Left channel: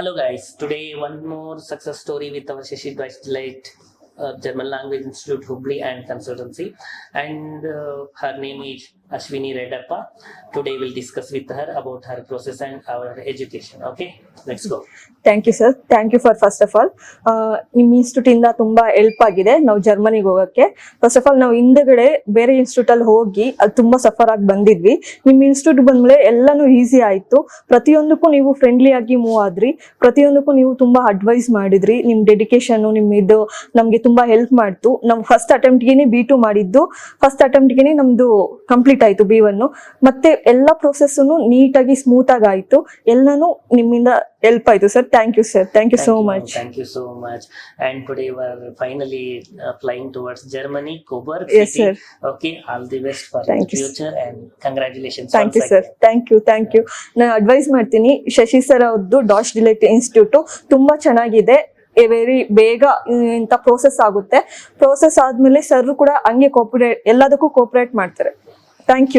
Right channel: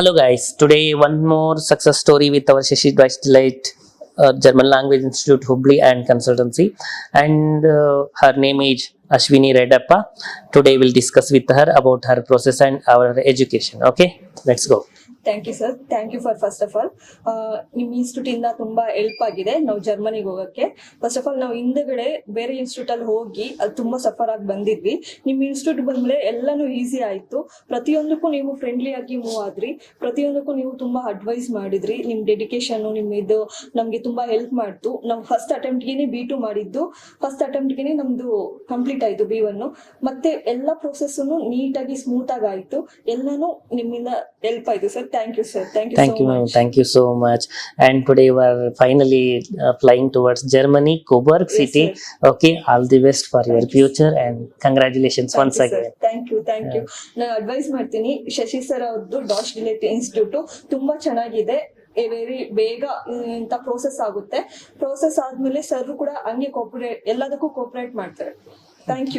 Hello guys, today one more success story with our Shashi Delight German Language Institute Hubli and Consultancy, and her name is Ashwini Redappa. Today we'll discuss with her about her process and our education. Okay, let's go. Thank you sir. Thank you for first of all ನಿಮ್ಮ institute ಇಂದ ತುಂಬಾ help ಆಗಿದೆ ನಾವು ಜರ್ಮನಿಗೆ ಹೋಗಕ್ಕೆ. First of all ನಾವು ಹಿಂದೆಗಡೆ ಬೇರೆ ಇನ್ಸ್ಟಿಟ್ಯೂಟ್ ಅಲ್ಲಿ ಹೋಗಿ ಅದು ತುಂಬಾ ಸಫರ್ ಆಗಿ ಬಂದಿದ್ವಿ. ನಿಮ್ಮ ಇನ್ಸ್ಟಿಟ್ಯೂಟ್ ಬಂದ್ಮೇಲೆ ಎಲ್ಲಾನು ಈಸಿ ಆಯ್ತು. ಪ್ರತಿಯೊಂದಕ್ಕೂ ನೀವು ಫ್ರೆಂಡ್ಲಿ ಆಗಿ ಮೂವ್ ಆದ್ರಿ. ಪ್ರತಿಯೊಂದಕ್ಕೂ ನೀವು ತುಂಬಾ ಅಡ್ವೈಸ್ ಮಾಡಿದ್ರಿ. ನಿಮ್ ಡೆಡಿಕೇಶನ್ ನಿಮ್ ಇದು ನಮ್ಗೆ ತುಂಬಾ ಹೆಲ್ಪ್ ಮಾಡ್ತು. ನಮ್ ಫಸ್ಟ್ ಅಟೆಂಪ್ಟ್ ಗೆನೆ B2 ಮಾಡಿದ್ದು, ಫಸ್ಟ್ ಅಟೆಂಪ್ಟ್ ಗೆನೆ ನಮ್ದು ಕಂಪ್ಲೀಟ್ ಆಯ್ತು B1. ಮತ್ತೆ ಎಲ್ಲಾ ಪ್ರೊಸೆಸ್ ನೀಟಾಗಿ ಸ್ಮೂತ್ ಆಗಿ ಆಯ್ತು. ಎಲ್ಲಾನು ನಿಮ್ಮಿಂದ ಹೆಲ್ಪ್ ಆಯ್ತು sir. Thank you, sir. Thank you so much. Thank you so much. And today we are finally flying towards Germany, Coburg City. Yes, okay, all the best for your Thank you, future and congratulations Thank once you, sir. again. Thank you. ನಾನು advice ಮಾಡ್ತೀನಿ, Shashi sir ಅವ್ರದ್ದು dash delight institute ತುಂಬಾ ಚೆನ್ನಾಗಿದೆ. Very ಬೇಗ ಇಂತ process ಆಗುತ್ತೆ. Process ಆದ್ಮೇಲೆ sir ಕೂಡ ಹಂಗೆ ಎಲ್ಲದಕ್ಕೂ ಕೋಪರೇಟ್ ಮಾಡ್ತಾರೆ. Thank you.